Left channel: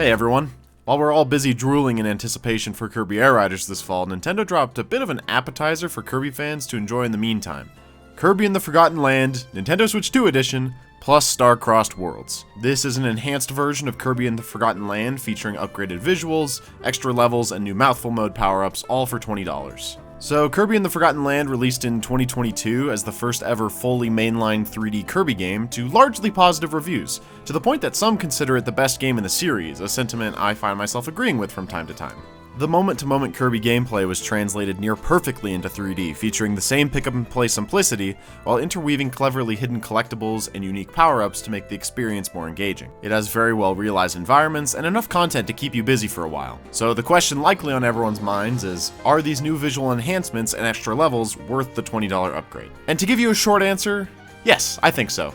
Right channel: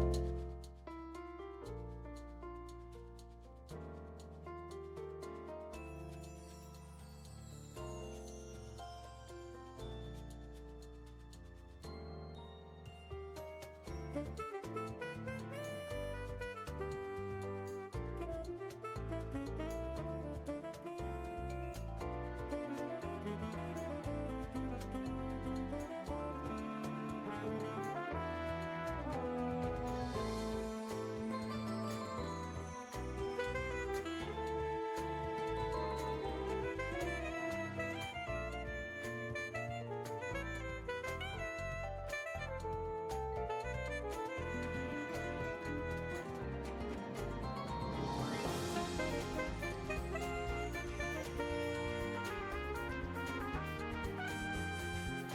Hey everyone! While we're all busy drooling in anticipation for Kirby Air Riders this fall, Nintendo dropped a bit of an appetizer for Kirby fans to enjoy in the meantime. Kirby and the Forgotten Land, Nintendo Switch 2 Edition, plus Star-Crossed Worlds. This is an enhanced version of Kirby and the Forgotten Land featuring upgraded visuals, extra levels, and new mouthful mode power-ups, all for $20. So Kirby and the Forgotten Land released in 2022 as the first ever fully mainline 3D Kirby game to largely positive reviews, to the point that some consider it the best game in the series, a sentiment I find myself agreeing with from time to time. The moment-to-moment Kirby gameplay was translated near perfectly into 3D, featuring the same pick-up-and-play simplicity, while interweaving cleverly hidden collectibles and unique power-ups to make the experience more engaging. It has very well-realized environments and enough content to keep you busy for a while. So the question likely on everyone's minds is, are these new visual enhancements and extra levels worth the $20 upgrade? And to give you a short answer, yes, I think so.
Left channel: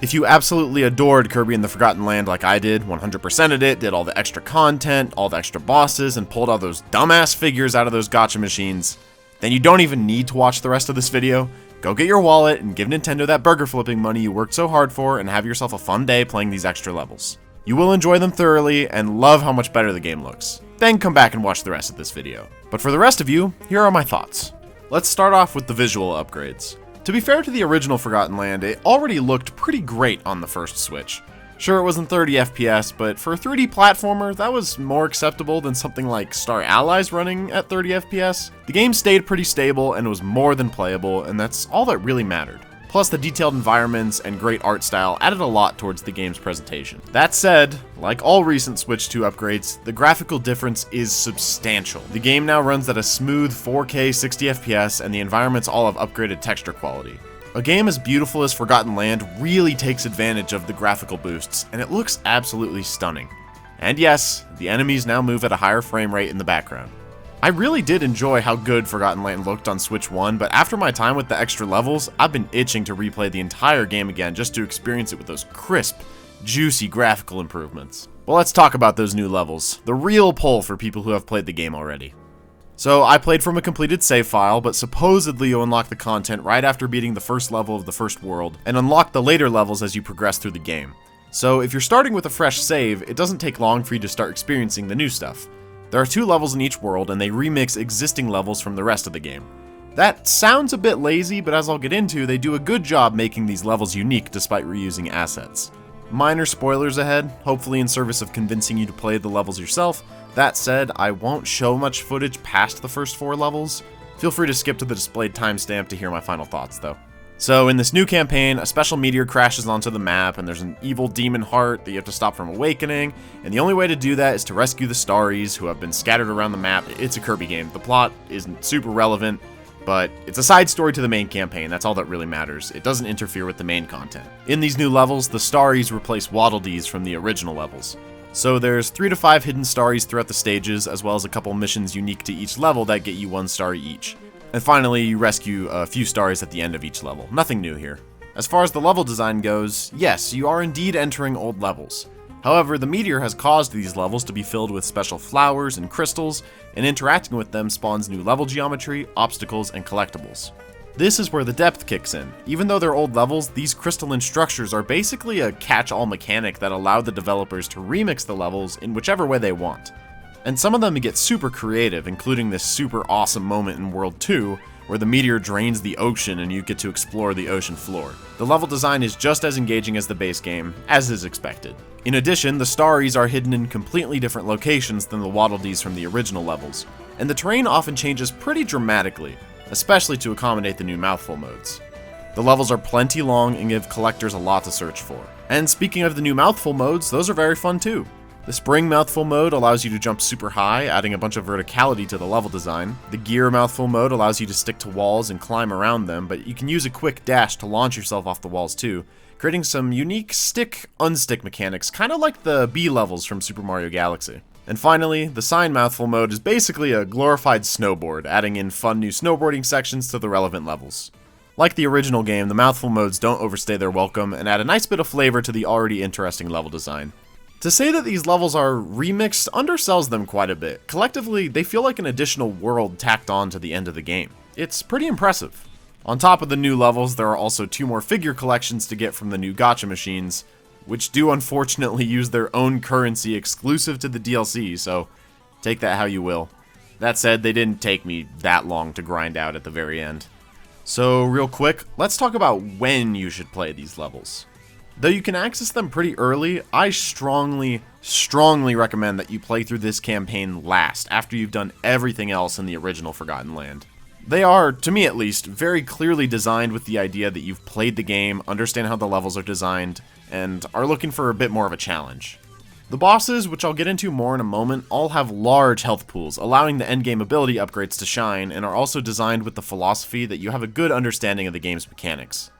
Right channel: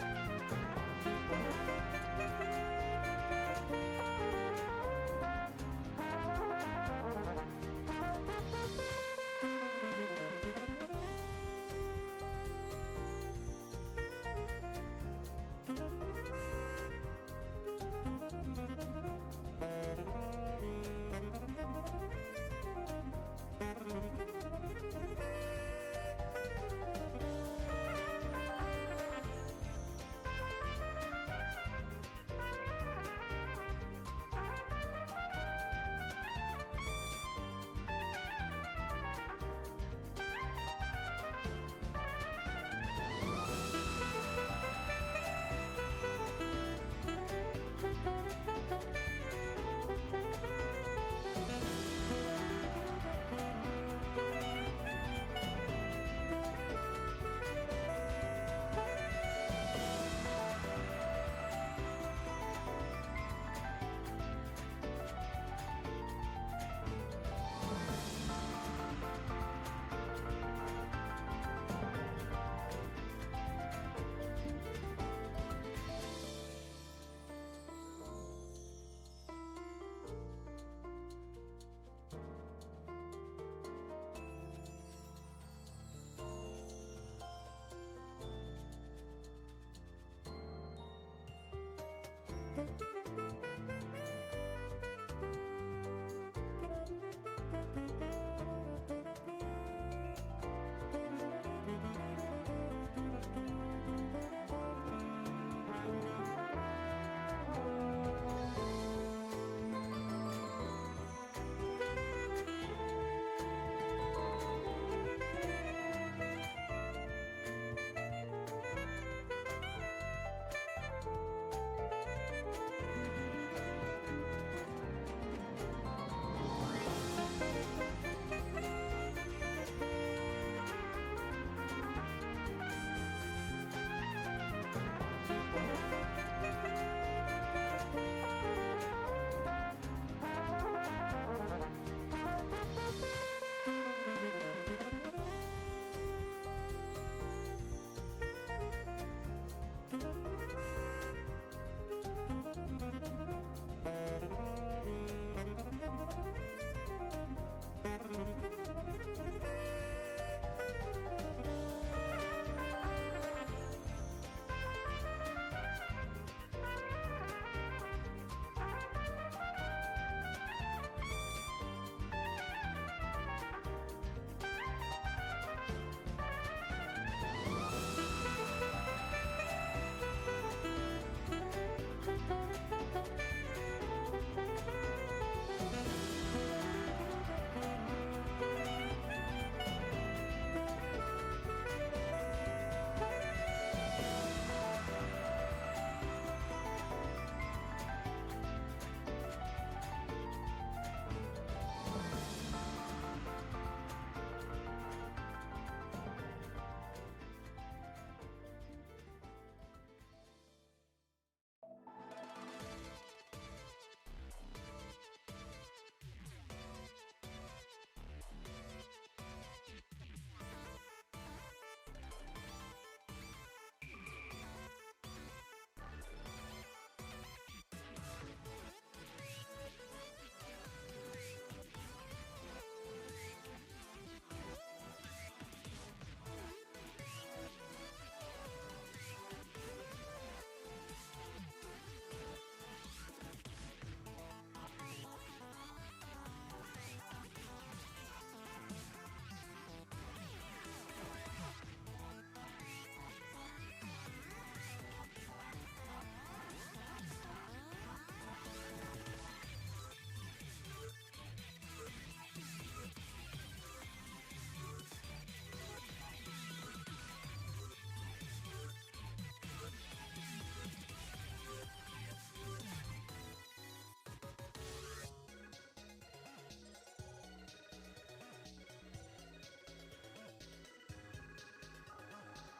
If you absolutely adored Kirby and the Forgotten Land like I did, 100%ed it, did all the extra content, all the extra bosses, and pulled all those dumbass figures out of those gacha machines, then you don't even need to watch the rest of this video. Go get your wallet and give Nintendo that burger flipping money you worked so hard for and have yourself a fun day playing these extra levels. You will enjoy them thoroughly and love how much better the game looks. Then come back and watch the rest of this video. But for the rest of you, here are my thoughts. Let's start off with the visual upgrades. To be fair to the original Forgotten Land, it already looked pretty great on the first Switch. Sure, it wasn't 30 FPS, but for a 3D platformer, that was more acceptable than something like Star Allies running at 30 FPS. The game stayed pretty stable and was more than playable, and that's all that really mattered. Plus, the detailed environments and great art style added a lot towards the game's presentation. That said, like all recent Switch 2 upgrades, the graphical difference is substantial. The game now runs at a smooth 4K 60 FPS, and the environments all have upgraded texture quality. A game as beautiful as Forgotten Land really takes advantage of the graphical boosts, and it looks absolutely stunning. And yes, the enemies now move at a higher frame rate in the background. I really did enjoy how good Forgotten Land looked on Switch 1, but after my time with the extra levels, I've been itching to replay the entire game again just to experience it with those crisp, juicy graphical improvements. Well, let's talk about those new levels, the real pull for people who have played the game already. So I played from a completed save file, but supposedly you unlock the content right after beating the first level of the first world, and unlock the later levels as you progress through the game. So if you're starting with a fresh save, it doesn't take long for you to start experiencing the new stuff. There are 2 levels in each world, and they remix existing levels from the rest of the game. That sounds a bit lazy, but as I'll get into, they do a good job making these levels unique despite reusing assets. Minor spoilers ahead, hopefully in service of convincing you to play the levels yourself. That said, I won't show much footage past the first 4 levels. Feel free to skip to the displayed timestamp to hear my final thoughts, though. So in this new campaign, a special meteor crashes onto the map, and there's an evil demon heart that you have to stop from awakening, and the only way to do that is to rescue the Starries, who have been scattered around the map. It's a Kirby game. The plot isn't super relevant, but it's a side story to the main campaign. That's all that really matters. It doesn't interfere with the main content. In these new levels, the Starries replace Waddle Dees from the original levels. So there's 3 to 5 hidden Starries throughout the stages, as well as a couple missions unique to each level that get you 1 Starry each. And finally, you rescue a few Starries at the end of each level. Nothing new here. As far as the level design goes, yes, you are indeed entering old levels. However, the meteor has caused these levels to be filled with special flowers and crystals, and interacting with them spawns new level geometry, obstacles, and collectibles. This is where the depth kicks in. Even though they're old levels, these crystalline structures are basically a catch-all mechanic that allowed the developers to remix the levels in whichever way they want. And some of them get super creative, including this super awesome moment in World 2, where the meteor drains the ocean and you get to explore the ocean floor. The level design is just as engaging as the base game, as is expected. In addition, the Starries are hidden in completely different locations than the Waddle Dees from the original levels, and the terrain often changes pretty dramatically, especially to accommodate the new mouthful modes. The levels are plenty long and give collectors a lot to search for. And speaking of the new mouthful modes, those are very fun too. The Spring Mouthful mode allows you to jump super high, adding a bunch of verticality to the level design. The Gear Mouthful mode allows you to stick to walls and climb around them, but you can use a quick dash to launch yourself off the walls too, creating some unique stick-unstick mechanics, kind of like the B levels from Super Mario Galaxy. And finally, the Sign Mouthful mode is basically a glorified snowboard, adding in fun new snowboarding sections to the relevant levels. Like the original game, the Mouthful modes don't overstay their welcome and add a nice bit of flavor to the already interesting level design. To say that these levels are remixed undersells them quite a bit. Collectively, they feel like an additional world tacked on to the end of the game. It's pretty impressive. On top of the new levels, there are also 2 more figure collections to get from the new gacha machines, which do unfortunately use their own currency exclusive to the DLC, so take that how you will. That said, they didn't take me that long to grind out at the very end. So real quick, let's talk about when you should play these levels. Though you can access them pretty early, I strongly recommend that you play through this campaign last, after you've done everything else in the original Forgotten Land. They are, to me at least, very clearly designed with the idea that you've played the game, understand how the levels are designed, and are looking for a bit more of a challenge. The bosses, which I'll get into more in a moment, all have large health pools, allowing the endgame ability upgrades to shine, and are also designed with the philosophy that you have a good understanding of the game's mechanics.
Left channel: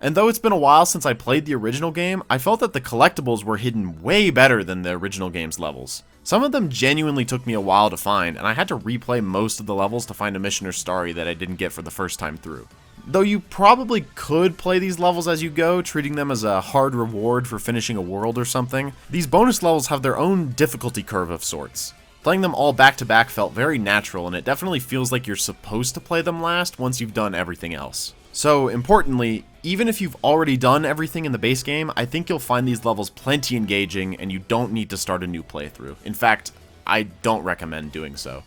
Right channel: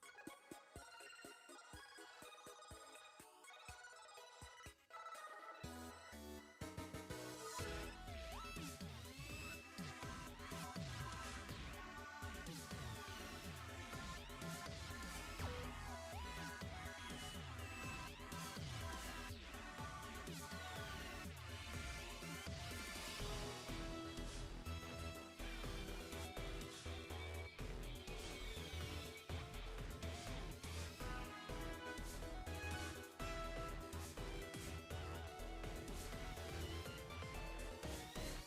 And though it's been a while since I played the original game, I felt that the collectibles were hidden way better than the original game's levels. Some of them genuinely took me a while to find, and I had to replay most of the levels to find a mission or story that I didn't get for the first time through. Though you probably could play these levels as you go, treating them as a hard reward for finishing a world or something, these bonus levels have their own difficulty curve of sorts. Playing them all back to back felt very natural, and it definitely feels like you're supposed to play them last once you've done everything else. So, importantly, even if you've already done everything in the base game, I think you'll find these levels plenty engaging and you don't need to start a new playthrough. In fact, I don't recommend doing so.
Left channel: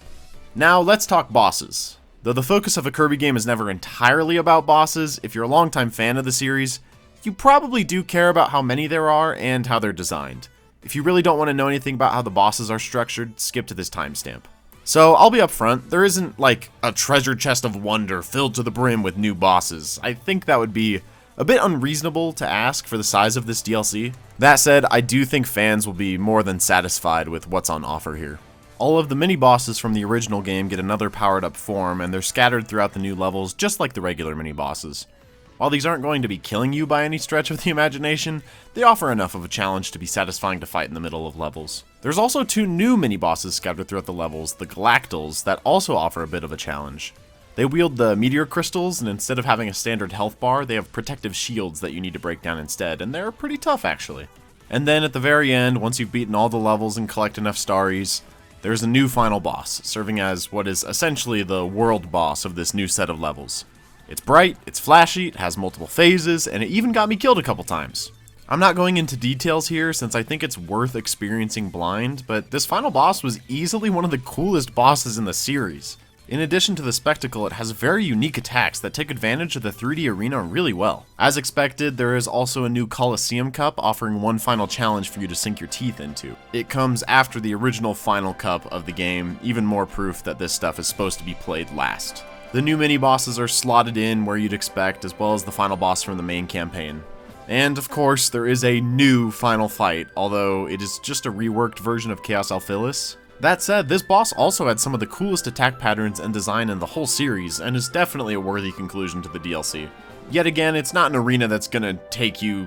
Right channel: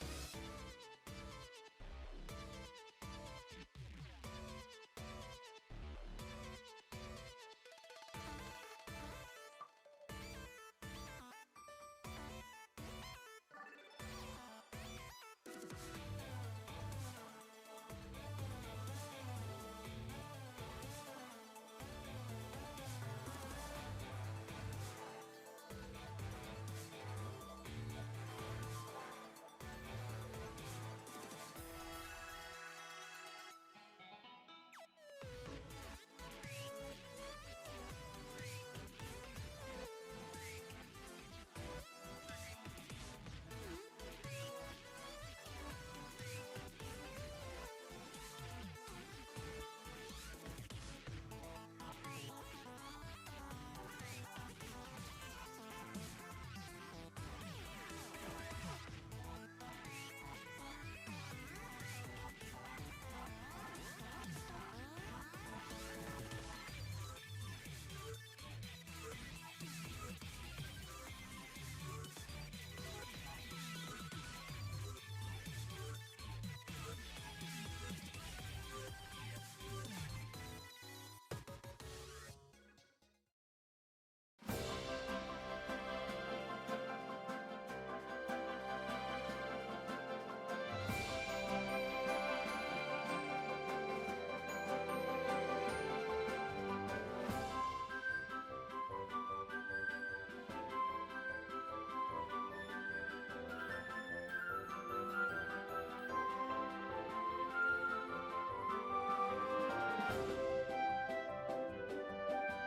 Now, let's talk bosses. Though the focus of a Kirby game is never entirely about bosses, if you're a longtime fan of the series, you probably do care about how many there are and how they're designed. If you really don't want to know anything about how the bosses are structured, skip to this timestamp. So, I'll be upfront, there isn't like a treasure chest of wonder filled to the brim with new bosses. I think that would be a bit unreasonable to ask for the size of this DLC. That said, I do think fans will be more than satisfied with what's on offer here. All of the mini-bosses from the original game get another powered-up form, and they're scattered throughout the new levels just like the regular mini-bosses. While these aren't going to be killing you by any stretch of the imagination, they offer enough of a challenge to be satisfying to fight in the middle of levels. There's also 2 new mini-bosses scattered throughout the levels, the Galactals, that also offer a bit of a challenge. They wield the meteor crystals, and instead of having a standard health bar, they have protective shields that you need to break down instead, and they're pretty tough actually. And then at the very end, once you've beaten all the levels and collect enough starries, there's a new final boss, serving as what is essentially the world boss of this new set of levels. It's bright, it's flashy, it has multiple phases, and it even got me killed a couple times. I'm not going into details here since I think it's worth experiencing blind, but this final boss was easily one of the coolest bosses in the series. In addition to the spectacle, it has very unique attacks that take advantage of the 3D arena really well. As expected, there is also a new Coliseum Cup offering one final challenge for you to sink your teeth into. It comes after the original final cup of the game, even more proof that this stuff is supposed to be played last. The new mini-bosses are slotted in where you'd expect, as well as the final boss from the main campaign. And of course, there is a new final fight, although it is just a reworked version of Chaos Alphilis. That said, this boss also had some of the coolest attack patterns and design in the whole series, and is definitely a worthy conclusion to the DLC. Yet again, it's not an arena that's gonna take you,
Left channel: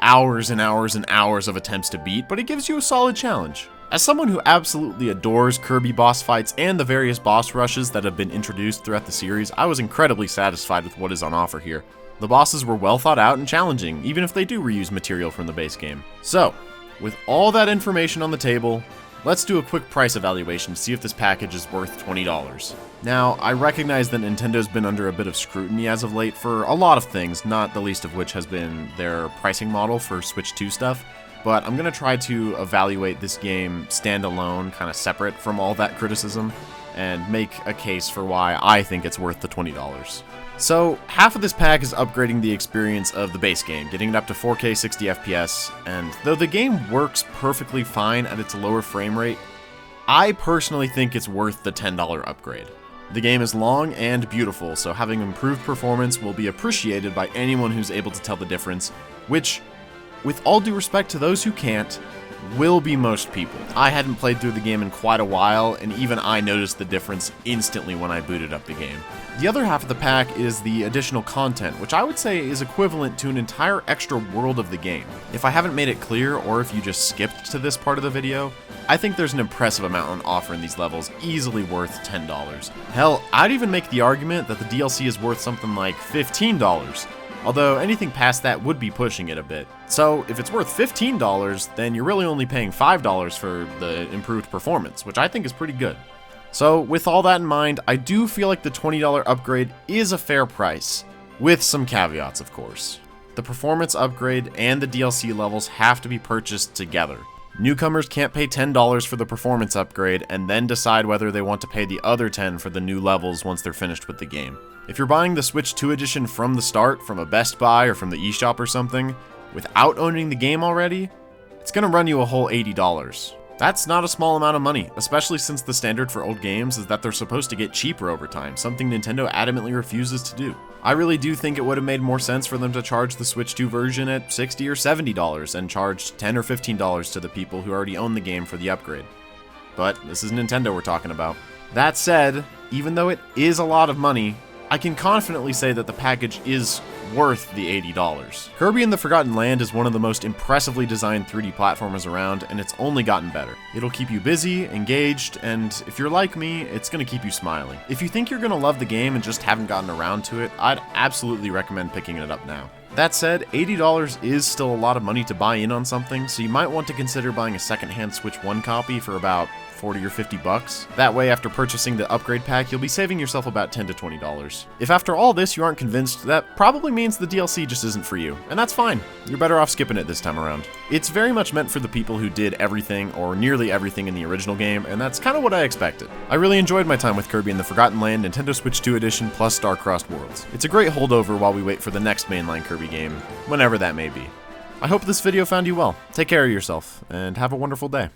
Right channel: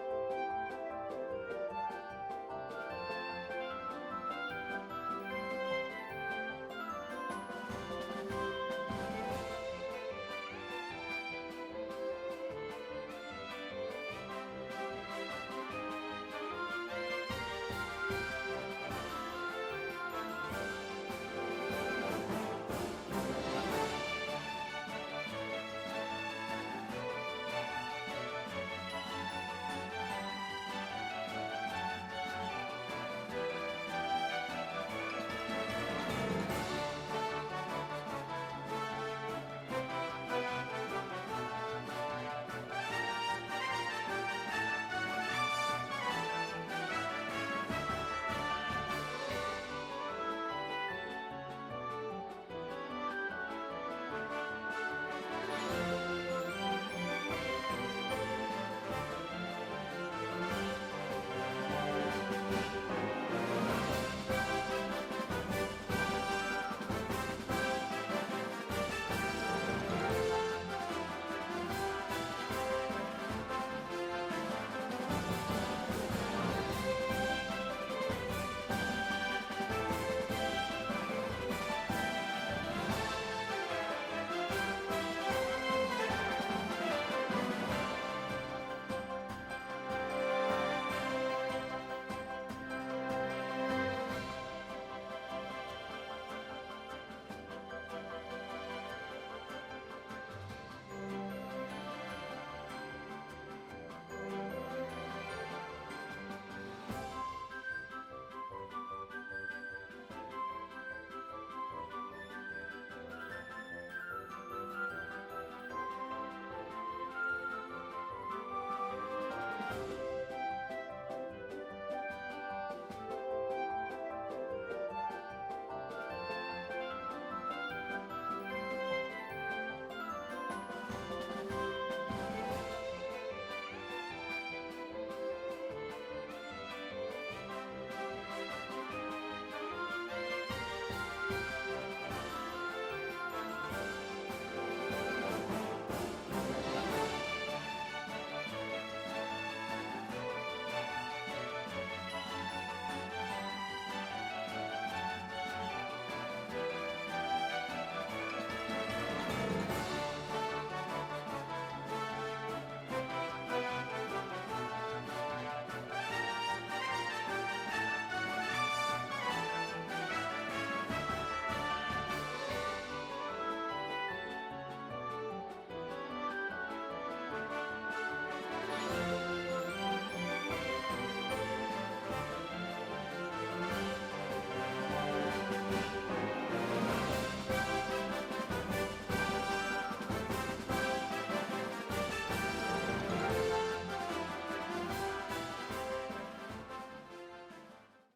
hours and hours and hours of attempts to beat, but it gives you a solid challenge. As someone who absolutely adores Kirby boss fights and the various boss rushes that have been introduced throughout the series, I was incredibly satisfied with what is on offer here. The bosses were well thought out and challenging, even if they do reuse material from the base game. So, with all that information on the table, let's do a quick price evaluation to see if this package is worth $20. Now, I recognize that Nintendo's been under a bit of scrutiny as of late for a lot of things, not the least of which has been their pricing model for Switch 2 stuff, but I'm going to try to evaluate this game standalone, kind of separate from all that criticism, and make a case for why I think it's worth the $20. So, half of this pack is upgrading the experience of the base game, getting it up to 4K 60 FPS, and though the game works perfectly fine at its lower frame rate, I personally think it's worth the $10 upgrade. The game is long and beautiful, so having improved performance will be appreciated by anyone who's able to tell the difference, which, with all due respect to those who can't, will be most people. I hadn't played through the game in quite a while, and even I noticed the difference instantly when I booted up the game. The other half of the pack is the additional content, which I would say is equivalent to an entire extra world of the game. If I haven't made it clear, or if you just skipped to this part of the video, I think there's an impressive amount on offer in these levels, easily worth $10. Hell, I'd even make the argument that the DLC is worth something like $15. Although anything past that would be pushing it a bit. So if it's worth $15, then you're really only paying $5 for the improved performance, which I think is pretty good. So with all that in mind, I do feel like the $20 upgrade is a fair price, with some caveats of course. The performance upgrade and the DLC levels have to be purchased together. Newcomers can't pay $10 for the performance upgrade and then decide whether they want to pay the other $10 for the new levels once they're finished with the game. If you're buying the Switch 2 edition from the start, from a Best Buy or from the eShop or something, without owning the game already, it's gonna run you a whole $80. That's not a small amount of money, especially since the standard for old games is that they're supposed to get cheaper over time, something Nintendo adamantly refuses to do. I really do think it would have made more sense for them to charge the Switch 2 version at $60 or $70 and charge $10 or $15 to the people who already own the game for the upgrade. But this is Nintendo we're talking about. That said, even though it is a lot of money, I can confidently say that the package is worth the $80. Kirby and the Forgotten Land is one of the most impressively designed 3D platformers around, and it's only gotten better. It'll keep you busy, engaged, and if you're like me, it's gonna keep you smiling. If you think you're gonna love the game and just haven't gotten around to it, I'd absolutely recommend picking it up now. That said, $80 is still a lot of money to buy in on something, so you might want to consider buying a secondhand Switch 1 copy for about 40 or 50 bucks. That way, after purchasing the upgrade pack, you'll be saving yourself about $10 to $20. If after all this you aren't convinced, that probably means the DLC just isn't for you, and that's fine. You're better off skipping it this time around. It's very much meant for the people who did everything, or nearly everything in the original game, and that's kind of what I expected. I really enjoyed my time with Kirby and the Forgotten Land Nintendo Switch 2 Edition plus Star-Crossed Worlds. It's a great holdover while we wait for the next mainline Kirby game, whenever that may be. I hope this video found you well. Take care of yourself, and have a wonderful day.